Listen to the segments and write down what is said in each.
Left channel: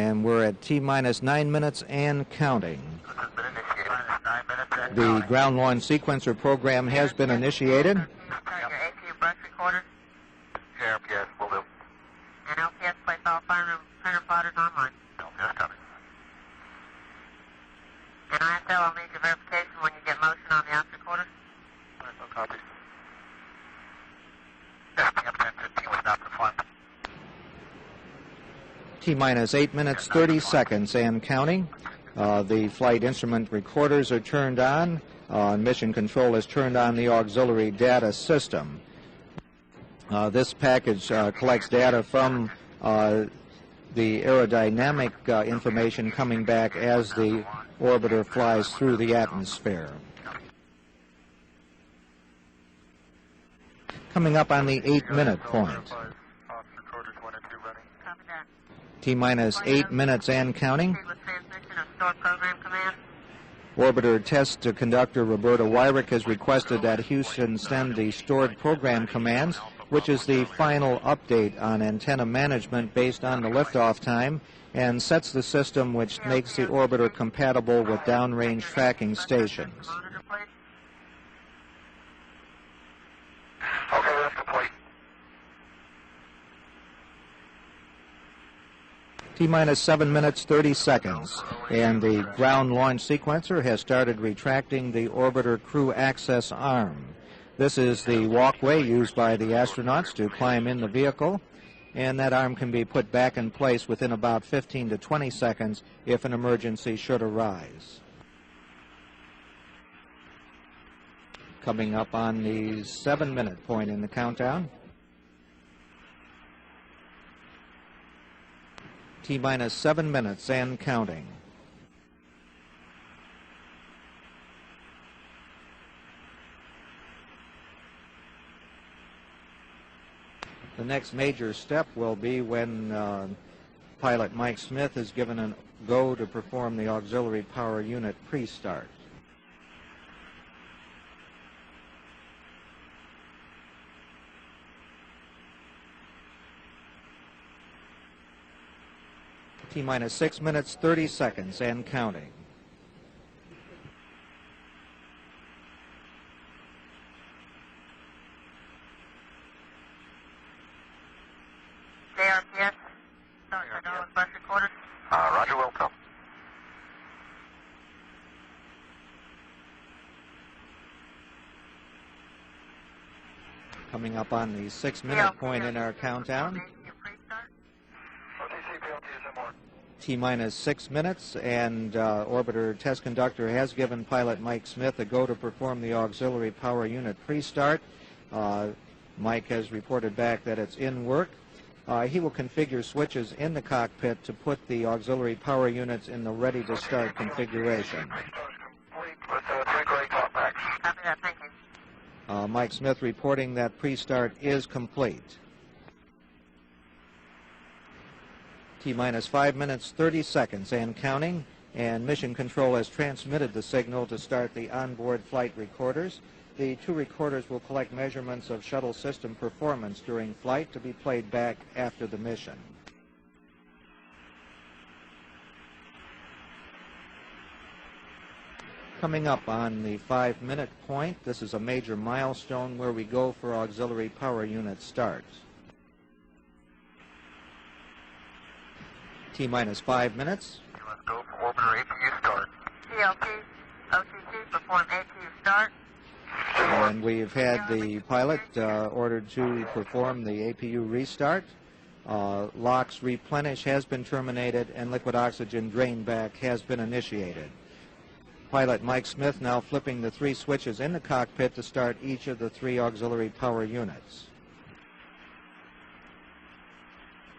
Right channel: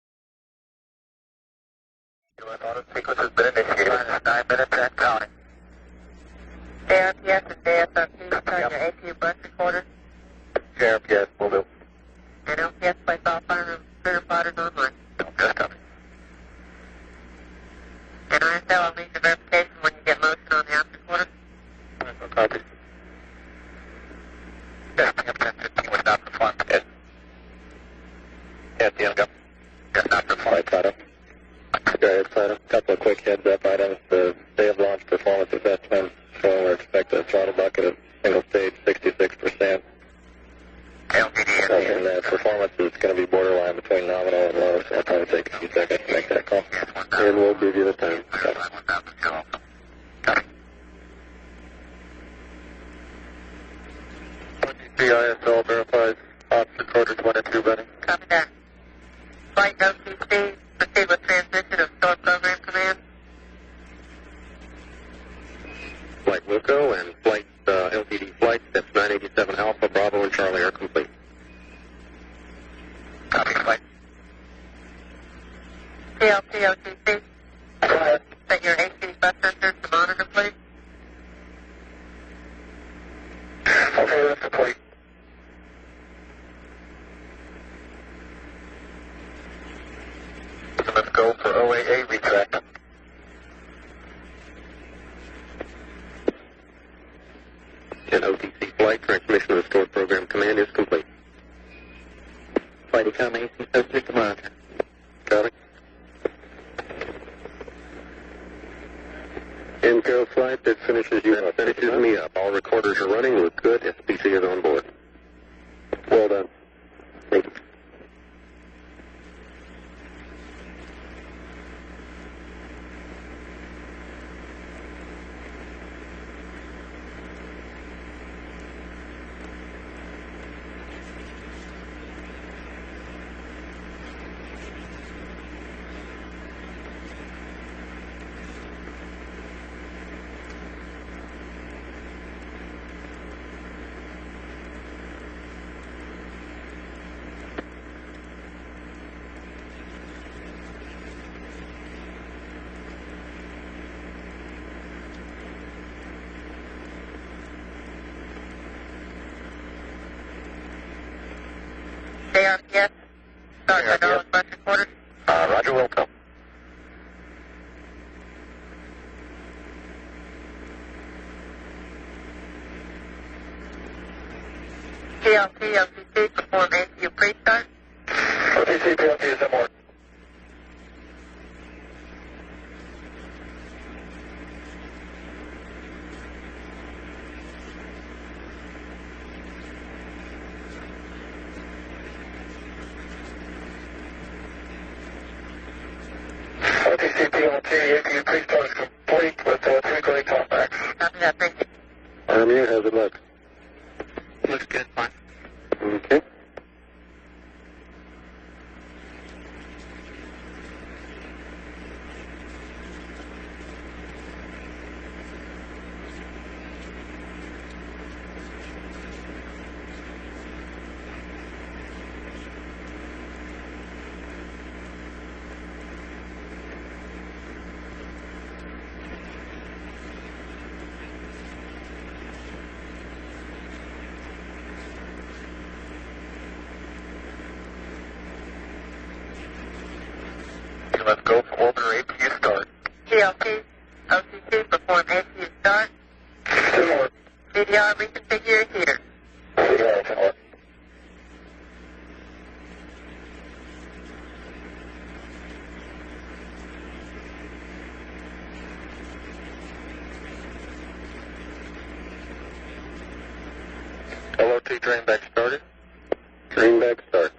And we're at T-minus 9 minutes and counting. The ground launch sequencer program has been initiated. Yes, will do. And LPS place all fire clear fighters online. And ISL, I'll need your verification when you get motion on the after quarter. Copy. T-minus 8 minutes, 30 seconds and counting. The flight instrument recorders are turned on. Mission control has turned on the auxiliary data system. This package collects data from the aerodynamic information coming back as the orbiter flies through the atmosphere. Coming up on the 8-minute point. T-minus 8 minutes and counting. Orbiter test conductor Roberta Wyrick has requested that Houston send the stored program commands, which is the final update on antenna management based on the liftoff time, and sets the system which makes the orbiter compatible with downrange tracking stations. T-minus 7 minutes, 30 seconds, and the ground launch sequencer has started retracting the orbiter crew access arm. This is the walkway used by the astronauts to climb in the vehicle, and that arm can be put back in place within about 15 to 20 seconds if an emergency should arise. Inco flight that finishes you. Coming up on the 7-minute point in the countdown. Well done. Thank you. T-minus 7 minutes and counting. The next major step will be when pilot Mike Smith is given a go to perform the auxiliary power unit pre-start. T-minus 6 minutes, 30 seconds and counting. Roger, welcome. Coming up on the 6-minute point in our countdown. T-minus 6 minutes, and orbiter test conductor has given pilot Mike Smith a go to perform the auxiliary power unit pre-start. Mike has reported back that it's in work. He will configure switches in the cockpit to put the auxiliary power units in the ready to start configuration. Mike Smith reporting that pre-start is complete. Okay. T-minus 5 minutes, 30 seconds and counting, and mission control has transmitted the signal to start the onboard flight recorders. The two recorders will collect measurements of shuttle system performance during flight to be played back after the mission. Coming up on the 5-minute point, this is a major milestone where we go for auxiliary power unit start. T-minus 5 minutes. Let's go order ACU start. We've had the pilot ordered to perform the APU restart. LOX replenish has been terminated and liquid oxygen drain back has been initiated. Pilot Mike Smith now flipping the 3 switches in the cockpit to start each of the 3 auxiliary power units. LOT drain back started. Drain back start.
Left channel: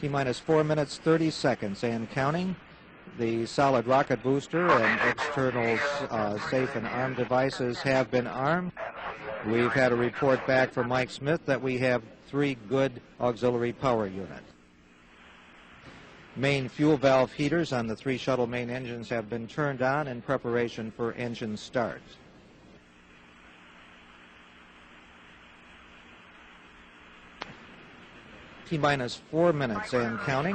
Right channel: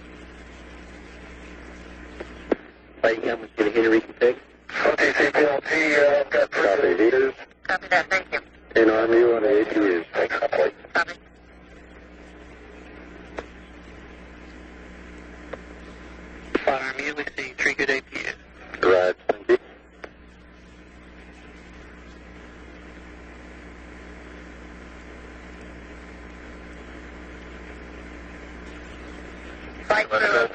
T-minus 4 minutes, 30 seconds and counting. The solid rocket booster and external station arm devices have been armed. We've had a report back from Mike Smith that we have 3 good auxiliary power units. Main fuel valve heaters on the 3 shuttle main engines have been turned on in preparation for engine start. T-minus 4 minutes and counting.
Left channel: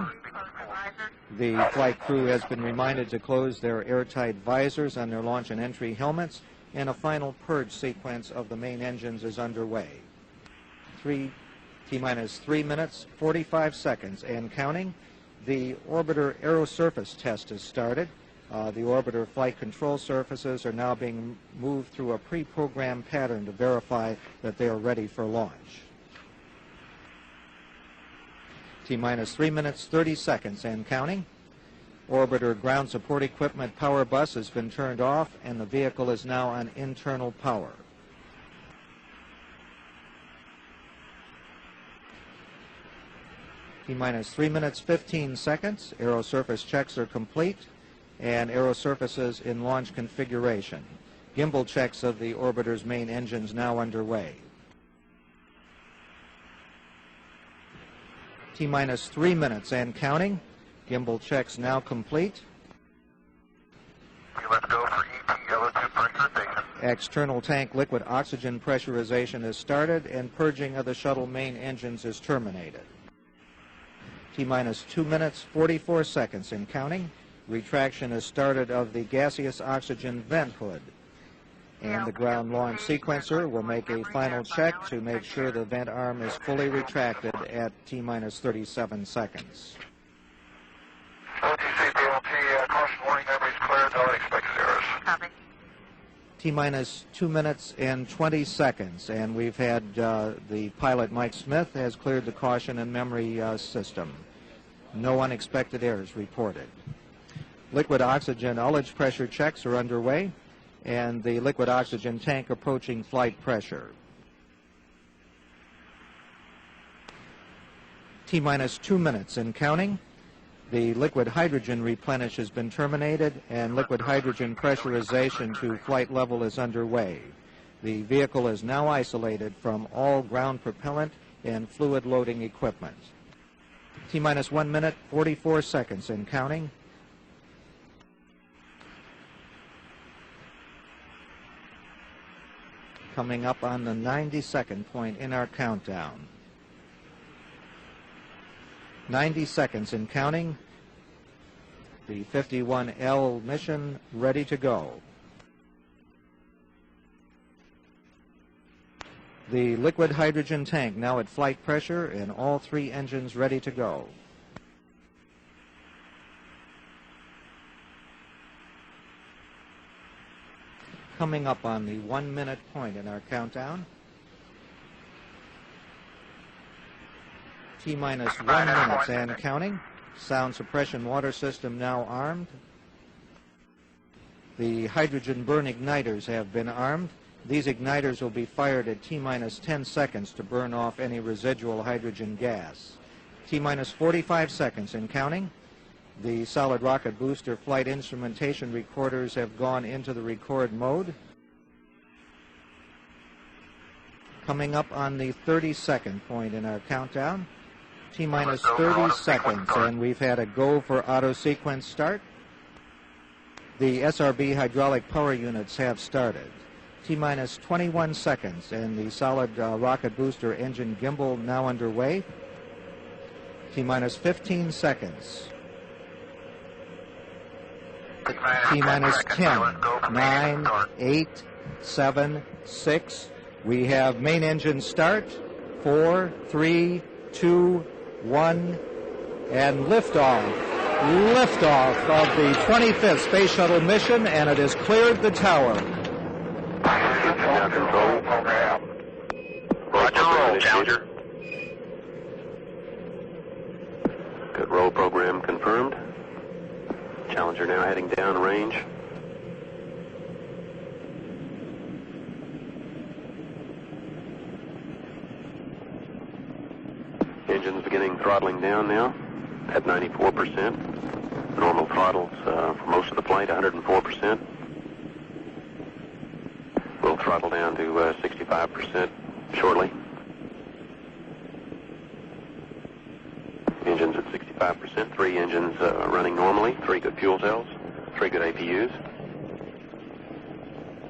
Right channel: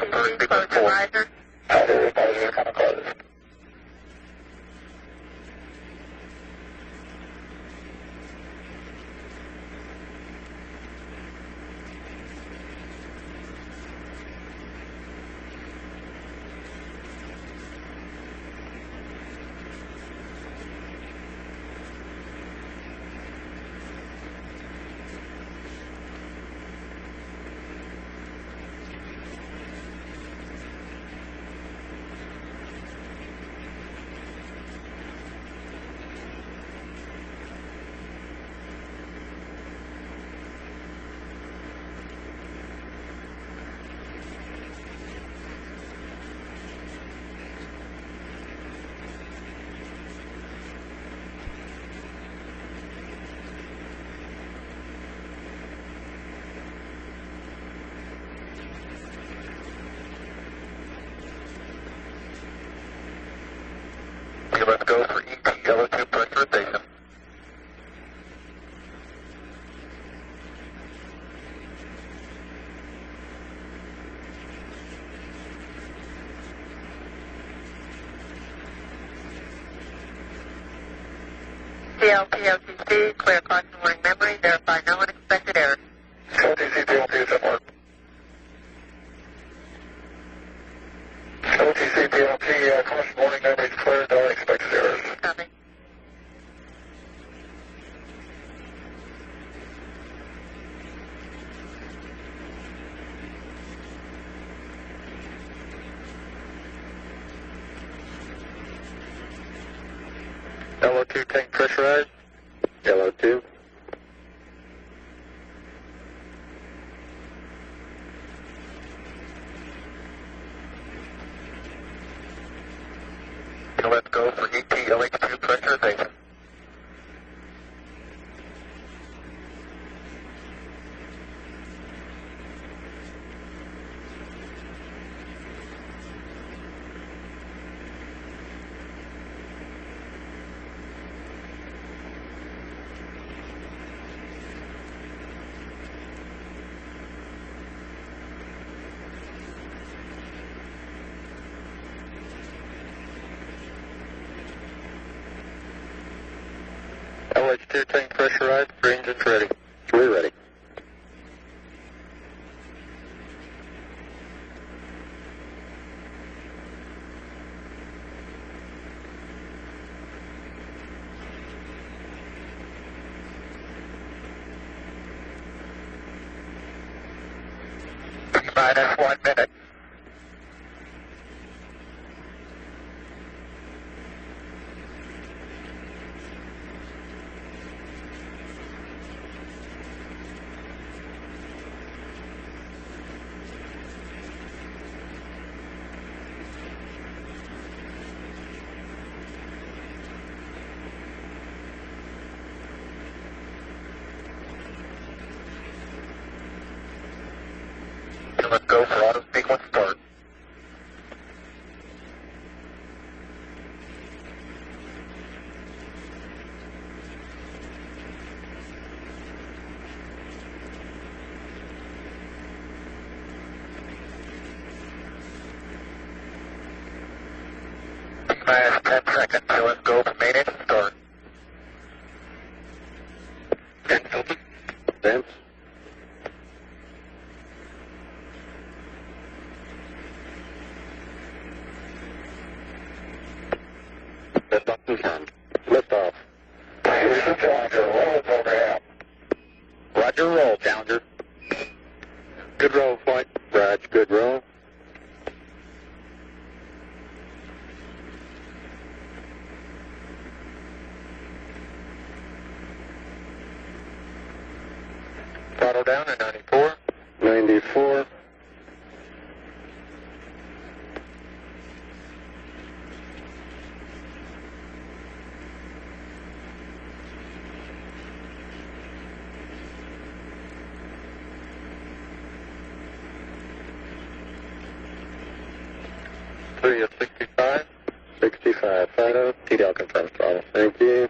The flight crew has been reminded to close their airtight visors on their launch and entry helmets, and a final purge sequence of the main engines is underway. T-minus 3 minutes, 45 seconds and counting. The orbiter aerosurface test is started. The orbiter flight control surfaces are now being moved through a pre-programmed pattern to verify that they are ready for launch. T-minus 3 minutes, 30 seconds and counting. Orbiter ground support equipment power bus has been turned off, and the vehicle is now on internal power. T-minus 3 minutes, 15 seconds. Aerosurface checks are complete, and aerosurfaces in launch configuration. Gimbal checks of the orbiter's main engines now underway. T-minus 3 minutes and counting. Gimbal checks now complete. External tank liquid oxygen pressurization is started, and purging of the shuttle main engines is terminated. T-minus 2 minutes, 44 seconds and counting. Retraction is started of the gaseous oxygen vent hood. And the ground launch sequencer will make a final check to make sure the vent arm is fully retracted at T-minus 37 seconds. T-minus 2 minutes and 20 seconds, and we've had the pilot, Mike Smith, has cleared the caution and memory system. No unexpected errors reported. Liquid oxygen ullage pressure checks are underway, and the liquid oxygen tank approaching flight pressure. T-minus 2 minutes and counting. The liquid hydrogen replenish has been terminated, and liquid hydrogen pressurization to flight level is underway. The vehicle is now isolated from all ground propellant and fluid loading equipment. T-minus 1 minute, 44 seconds and counting. Coming up on the 90-second point in our countdown. 90 seconds and counting. The 51L mission ready to go. LH2 tank pressurized, 3 engines ready. The liquid hydrogen tank now at flight pressure, and all 3 engines ready to go. Coming up on the 1 minute point in our countdown. T-minus 1 minute and counting. Sound suppression water system now armed. The hydrogen burn igniters have been armed. These igniters will be fired at T-minus 10 seconds to burn off any residual hydrogen gas. T-minus 45 seconds and counting. The solid rocket booster flight instrumentation recorders have gone into the record mode. Coming up on the 30-second point in our countdown. T-minus 30 seconds, and we've had a go for auto sequence start. The SRB hydraulic power units have started. T-minus 21 seconds, and the solid rocket booster engine gimbal now underway. T-minus 15 seconds. T-minus 10, 9, 8, 7, 6. We have main engine start. 4, 3, 2, 1, and liftoff. Liftoff of the 25th Space Shuttle mission, and it has cleared the tower. Roger, roll program. Roger, roll, Challenger. Good roll, flight. Raj, good roll. Good roll program confirmed. Challenger now heading down range. Throttle down at 94. 94. Getting throttling down now at 94%. Normal throttles for most of the flight, 104%. We'll throttle down to 65% shortly. Engines at 65%. 3 engines running normally. 3 good fuel cells. 3 good APUs. TDL confirmed throttle. Thank you.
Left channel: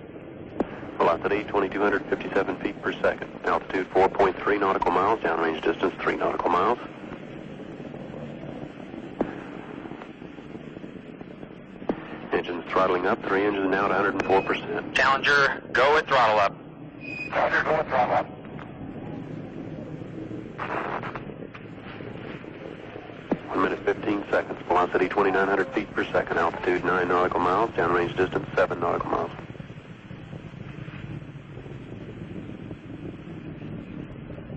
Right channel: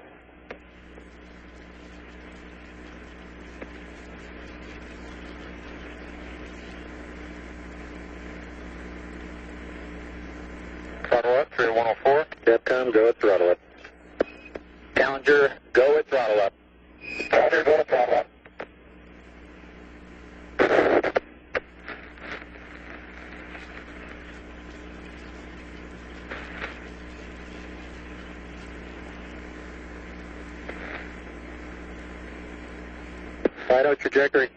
Velocity 2,257 feet per second. Altitude 4.3 nautical miles. Downrange distance 3 nautical miles. Throttle up, 3104. Engine throttling up, three engines now at 104%. Challenger, go with throttle up. Challenger, go with throttle up. 1 minute 15 seconds. Velocity 2,900 feet per second. Altitude 9 nautical miles. Downrange distance 7 nautical miles. Fido, trajectory.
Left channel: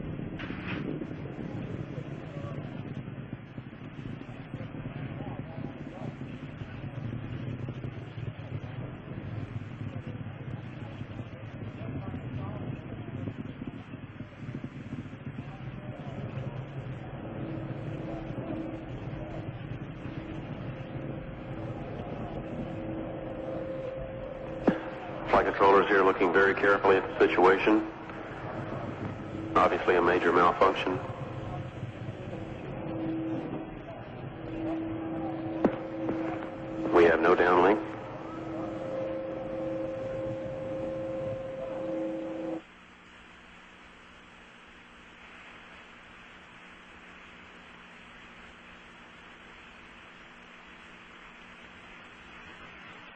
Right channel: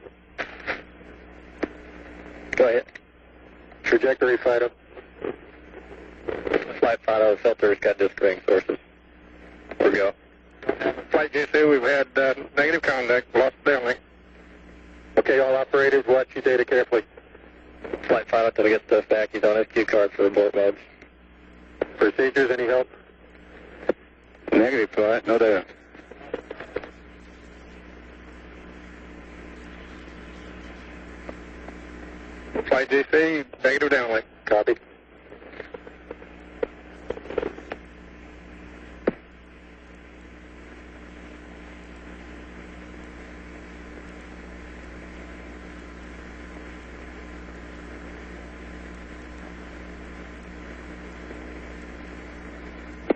Go ahead. Trajectory, Fido. Flight Fido, filters got disconnecting sources. Here we go. Flight GC, we've had negative contact, lost downlink. Okay, all operators, watch your data carefully. Flight Fido, until we get stuff back, he's on SQ card for report modes. Procedures, any help? Negative, flight, no Flight data. controllers here looking very carefully at the situation. Obviously a major malfunction. Flight GC, negative downlink. Copy. We have no downlink.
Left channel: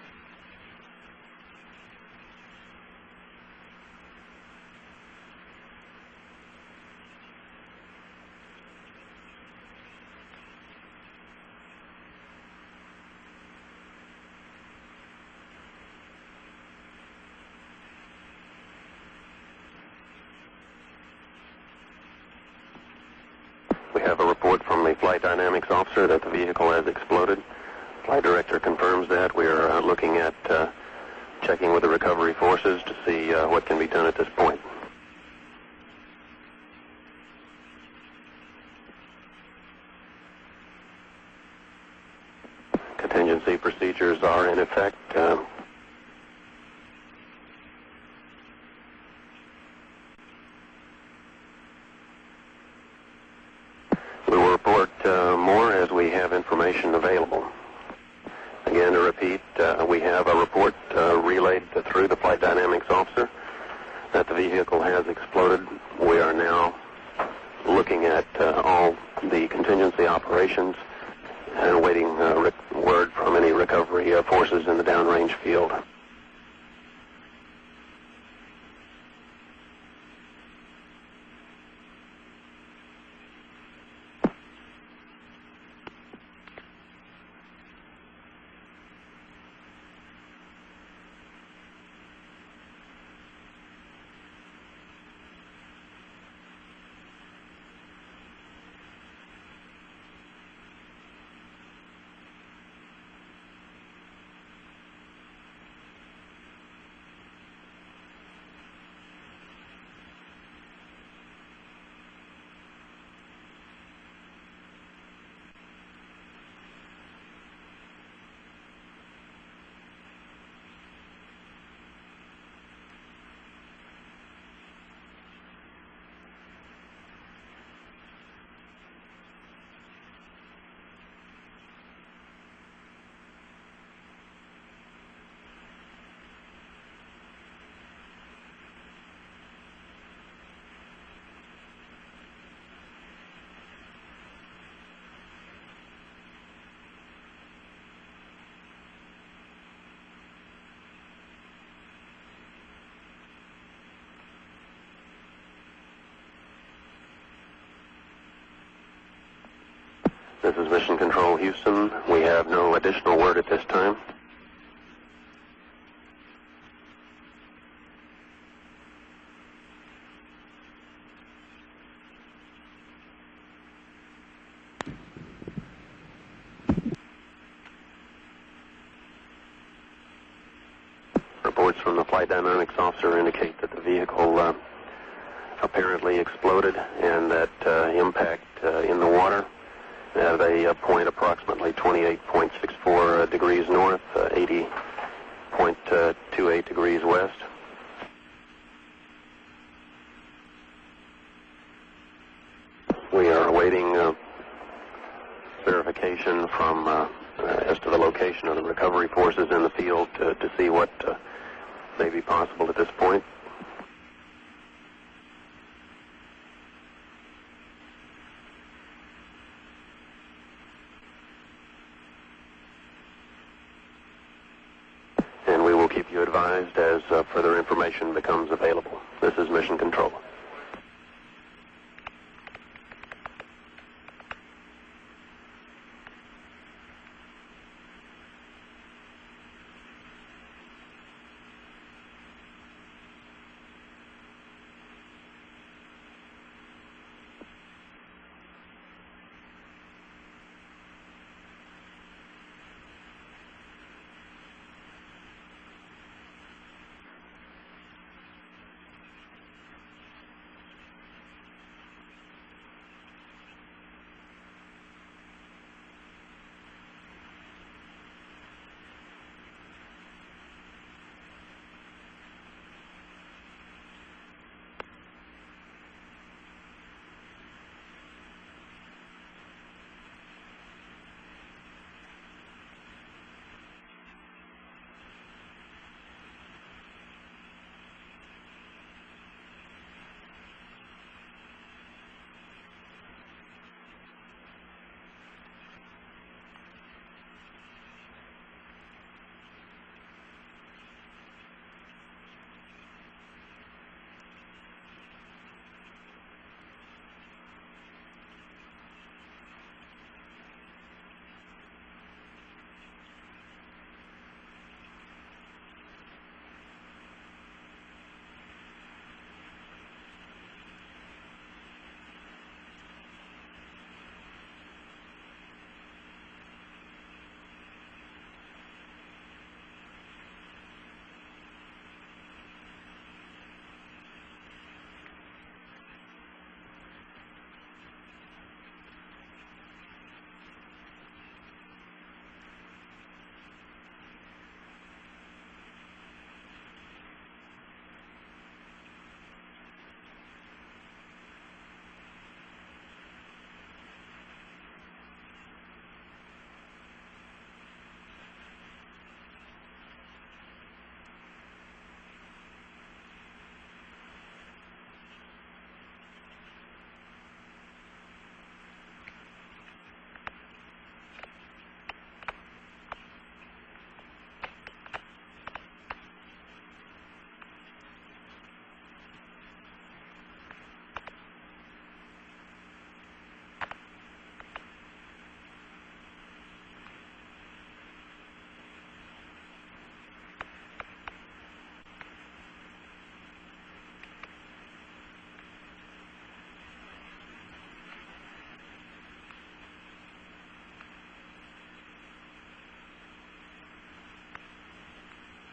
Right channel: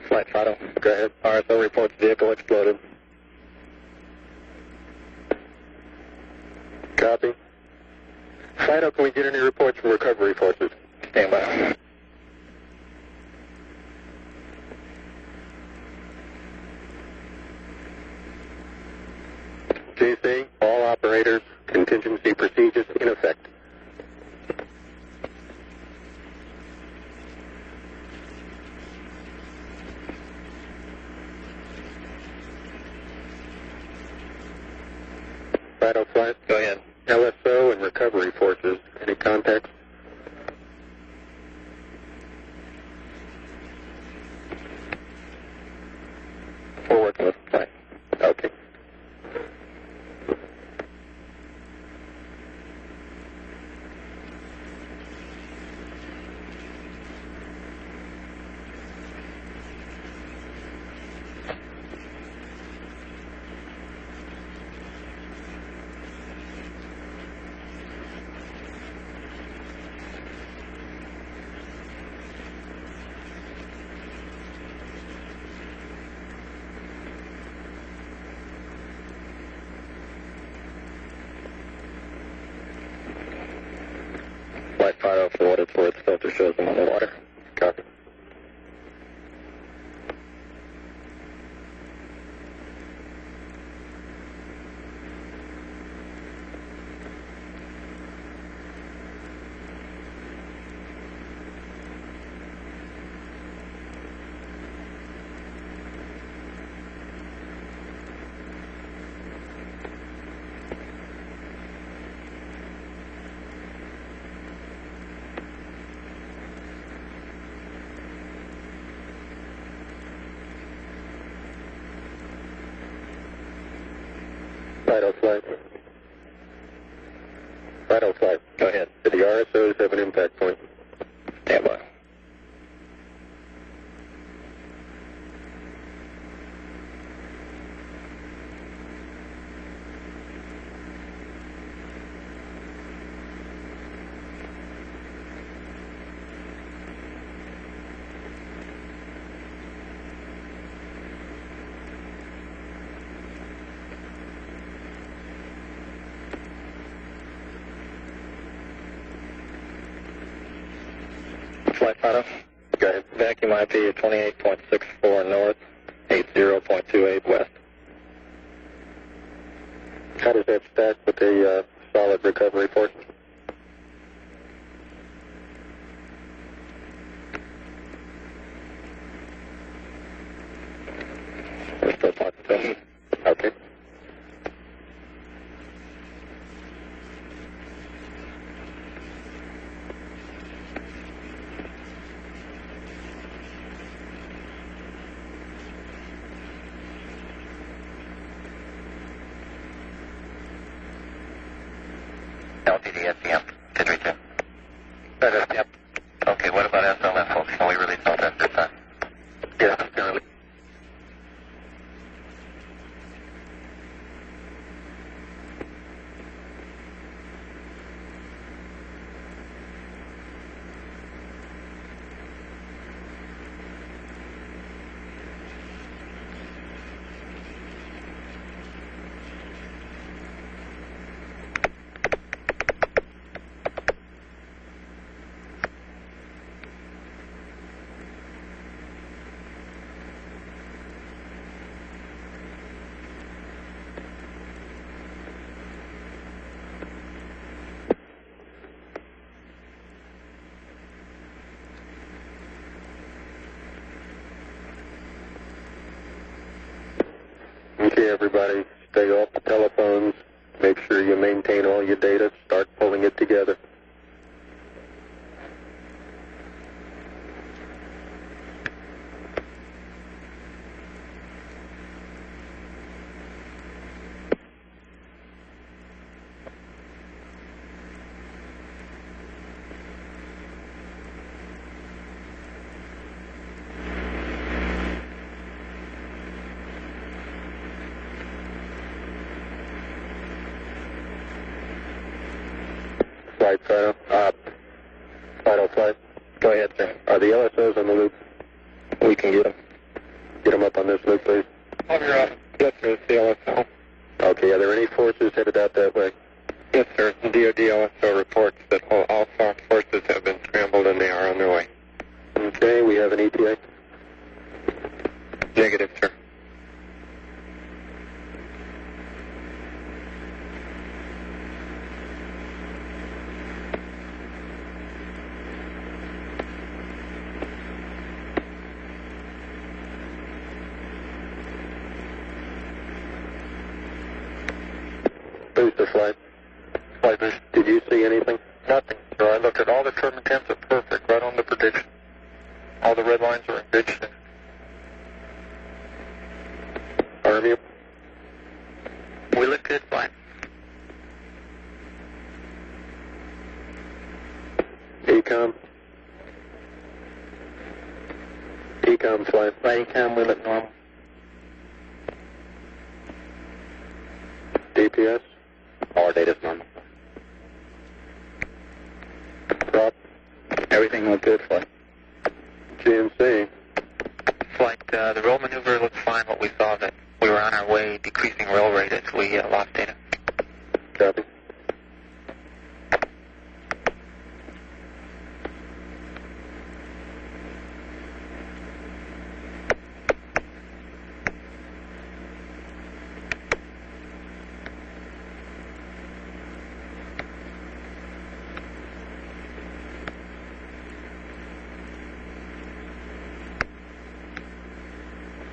Flight Fido, go ahead. RSO reports vehicle exploded. Copy. Fido, can we get any reports from recovery forces? Stand by. GC, all operators, contingency procedures in effect. We have a report from the flight dynamics officer that the vehicle has exploded. Flight director confirms that. We are looking at checking with the recovery forces to see what can be done at this point. Fido flight, go ahead. LSO and recovery forces, any contacts? Contingency procedures are in effect. We're working with the flight. Okay. We will report more as we have information available. Again, to repeat, we have a report relayed through the flight dynamics officer that the vehicle has exploded. We are now looking at all the contingency operations and awaiting word from any recovery forces in the downrange field. Flight Fido, for what it's worth, filter shows them on the water. Copy. Fido flight. Fido flight, go ahead. Do the RSOs have an impact point? Stand by. This is Mission Control Houston. We have no additional word at this time. 28.64 north, 80.28 west. How does that stack with the solid recovery force? Reports from the flight dynamics officer indicate that the vehicle apparently exploded and that impact in the water at a point approximately 28.64 degrees north, 80.28 degrees west. We are awaiting verification from the location of the recovery forces in the field to see what may be possible at this point. advised as further information becomes available. This is Mission Control. Okay, everybody, stay off the telephones. Make sure you maintain all your data. Start pulling it together. Flight, final flight. Go ahead, sir. Are the LSOs on the loop? We can get them. Get them up on this loop, please. On your yes, sir, it's the LSO. Okay, are there any forces headed out that way? Yes, sir. The DoD LSO reports that all SOC forces have been scrambled and they are on their way. Okay, we have an ETA? Negative, sir. Booster flight. Flight boost. Did you see anything? Nothing, sir. I looked at all the turbine temps are perfect, right on the prediction. All the red lines are in good shape. Arm you? We look good, fine. ECOM? ECOM flight. Flight ECOM, we look normal. DPS? All our data's normal. Prop? Everything looked good, flight. GNC? Flight, the roll maneuver looked fine, but we saw that we were on our way decreasing roll rate as we lost data. Copy.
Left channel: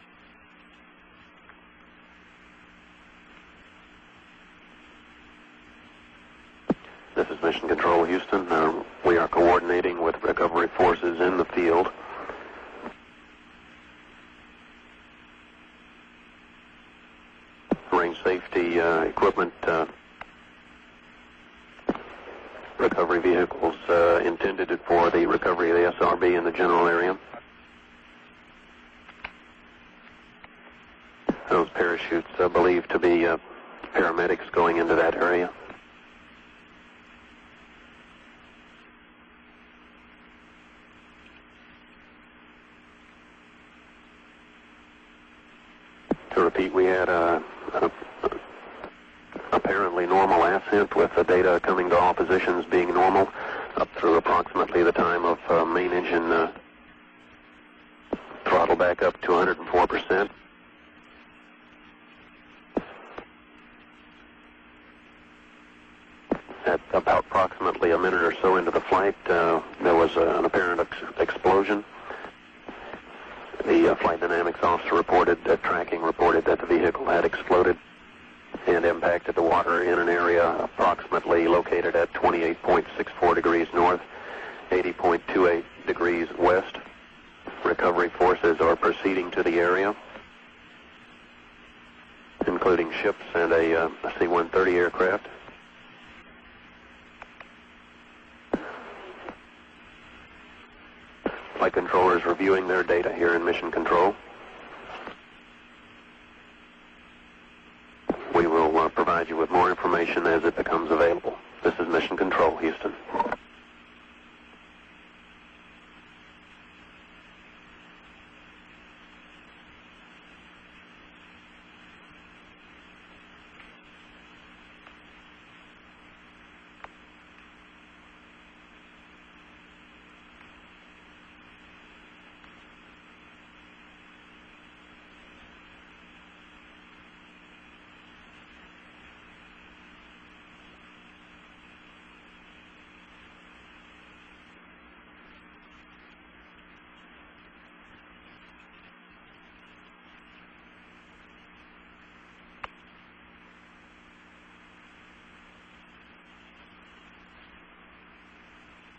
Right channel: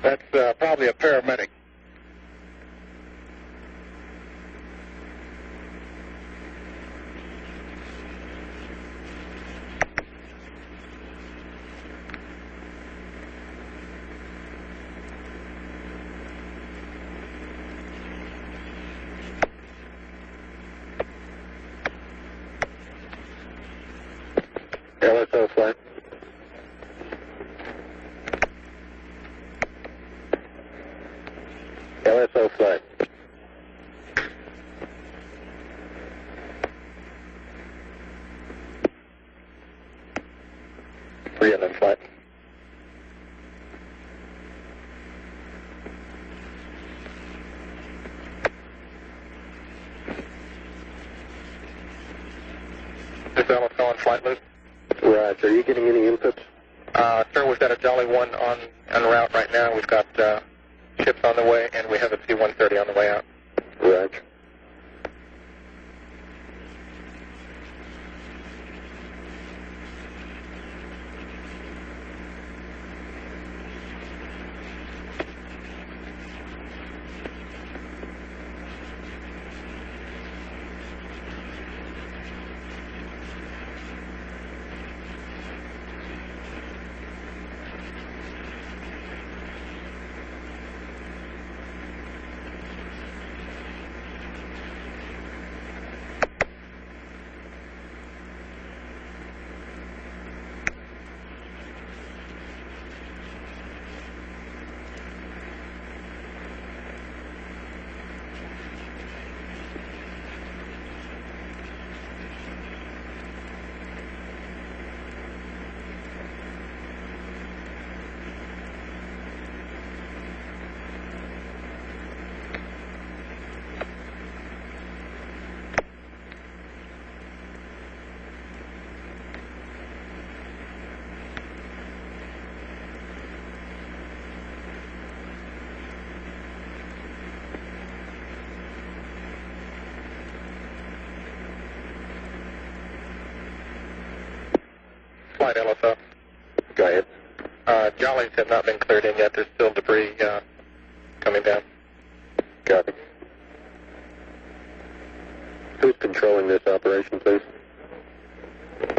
That's probably a paramedic. This is Mission Control, Houston. We are coordinating with recovery forces in the field. Range safety equipment, recovery vehicles intended for the recovery of the SRB in the general area. Those parachutes are believed to be paramedics going into that area. Flight. To repeat, we had a apparently normal ascent with the data coming to all positions being normal up to approximately the time of main engine Sir, we've got a Jolly 1 throttle back on the up route right now. We've got 204%. ships on the way, and we have a C-130 on the way out. Right. At about approximately a minute or so into the flight, there was an apparent explosion. The flight dynamics officer reported that tracking reported that the vehicle had exploded and impacted the water in an area approximately located at 28.64 degrees north, 80.28 degrees west. Recovery forces are proceeding to the area, including ships and a C-130 aircraft. Flight controllers reviewing their data here in Mission Control. We will provide you with more information as it becomes available. This is Mission Control, Houston. Flight LSO. Go ahead. Jollies have not been cleared in yet. There's still debris coming down. Copy. Who's controlling this operation, please?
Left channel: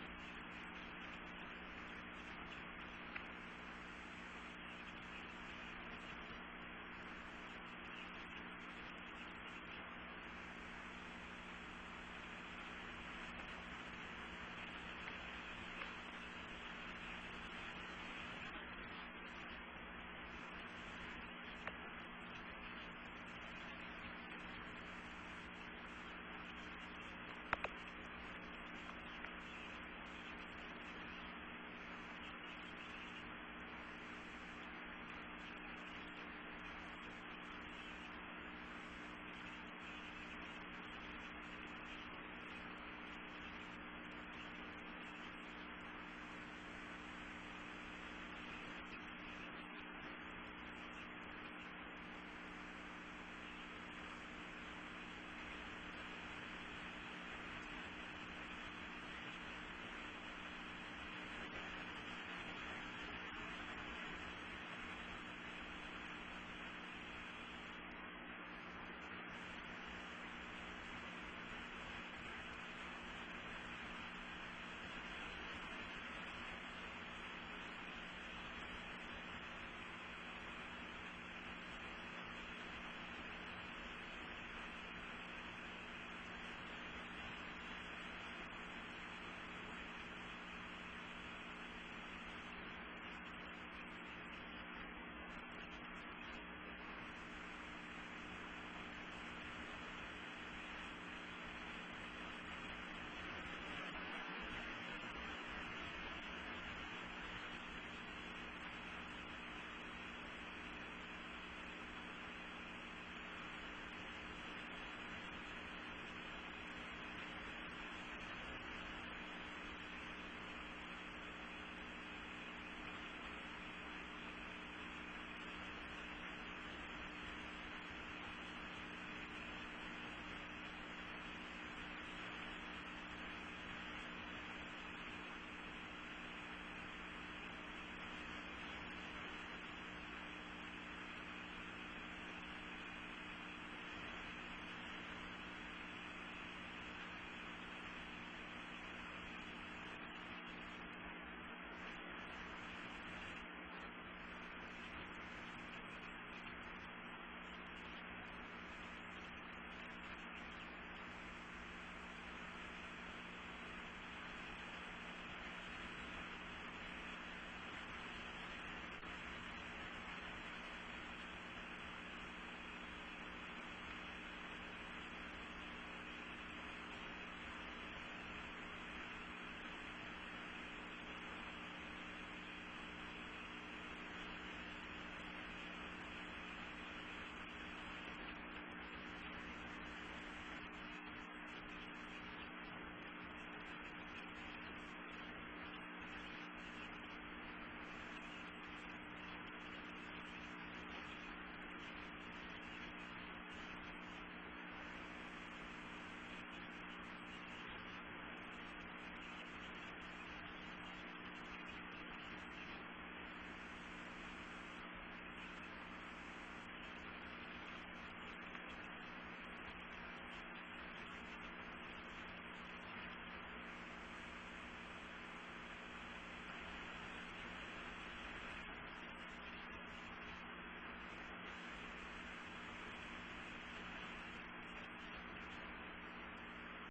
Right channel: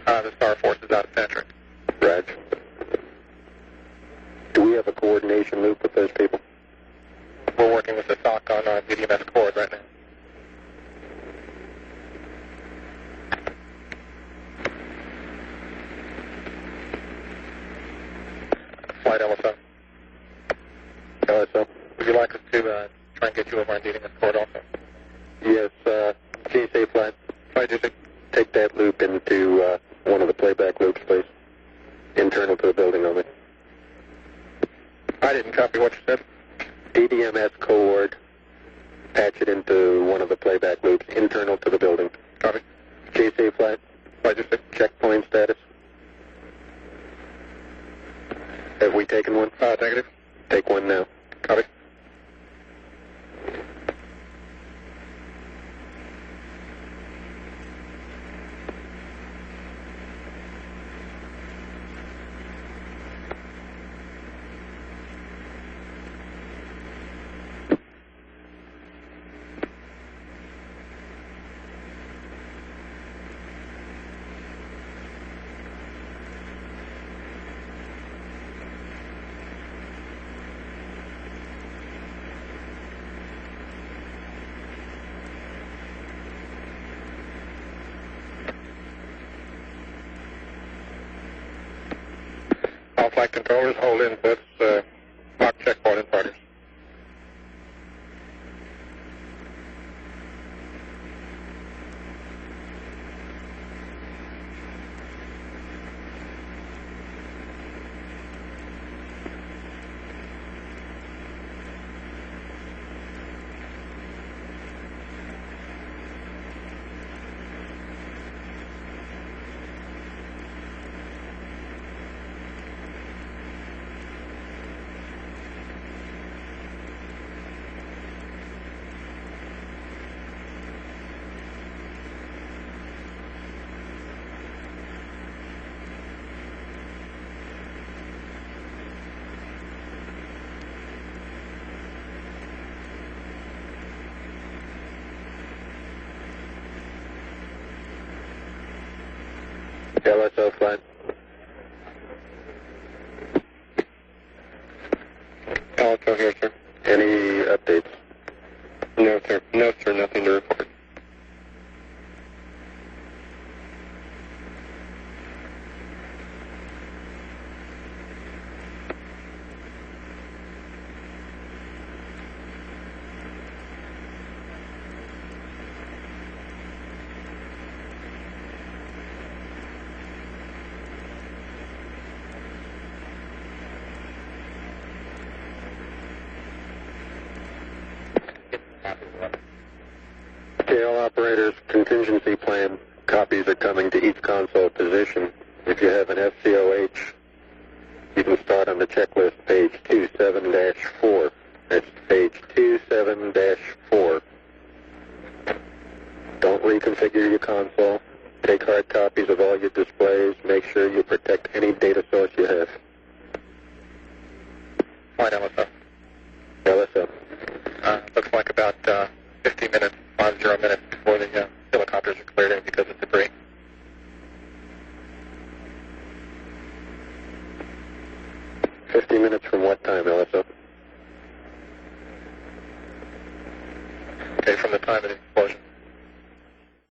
The Star Force is out of Patrick. Raj. Do we have a coordination loop with those people? We're working with the SOC on VDMS cord right now. Flight LSO. LSO. Would you like us to try and get you over on VDMS cord also? Yes, GSA flight. Flight GSA. Take that loop into one of the playback loops, please. Internal to the building only. I didn't copy what you said. DDMS coord. Patch it into one of the playback loops, internal to the building. Copy. GSA flight. Flight GSA. Checkpoint status. Have we taken one? Negative. Take one now. Copy. All flight controllers, hold inputs, lock checkpoint in progress. LSO flight. LSO here, sir. Any updates? No, sir. No, sir. Nothing to report. Okay, all operators, contingency plan. Copies are coming to each console position. If you have an FCOH, you can start on the checklist, page 27-4. That's page 27-4. Don't reconfigure your console. Take hard copies of all your displays. Make sure you protect any data source you have. Flight LSO. LSO. Looks like about 50 minutes, 50 minutes before the helicopters are cleared in because of debris. Minutes from what time, LSO? Okay, from the time of the explosion.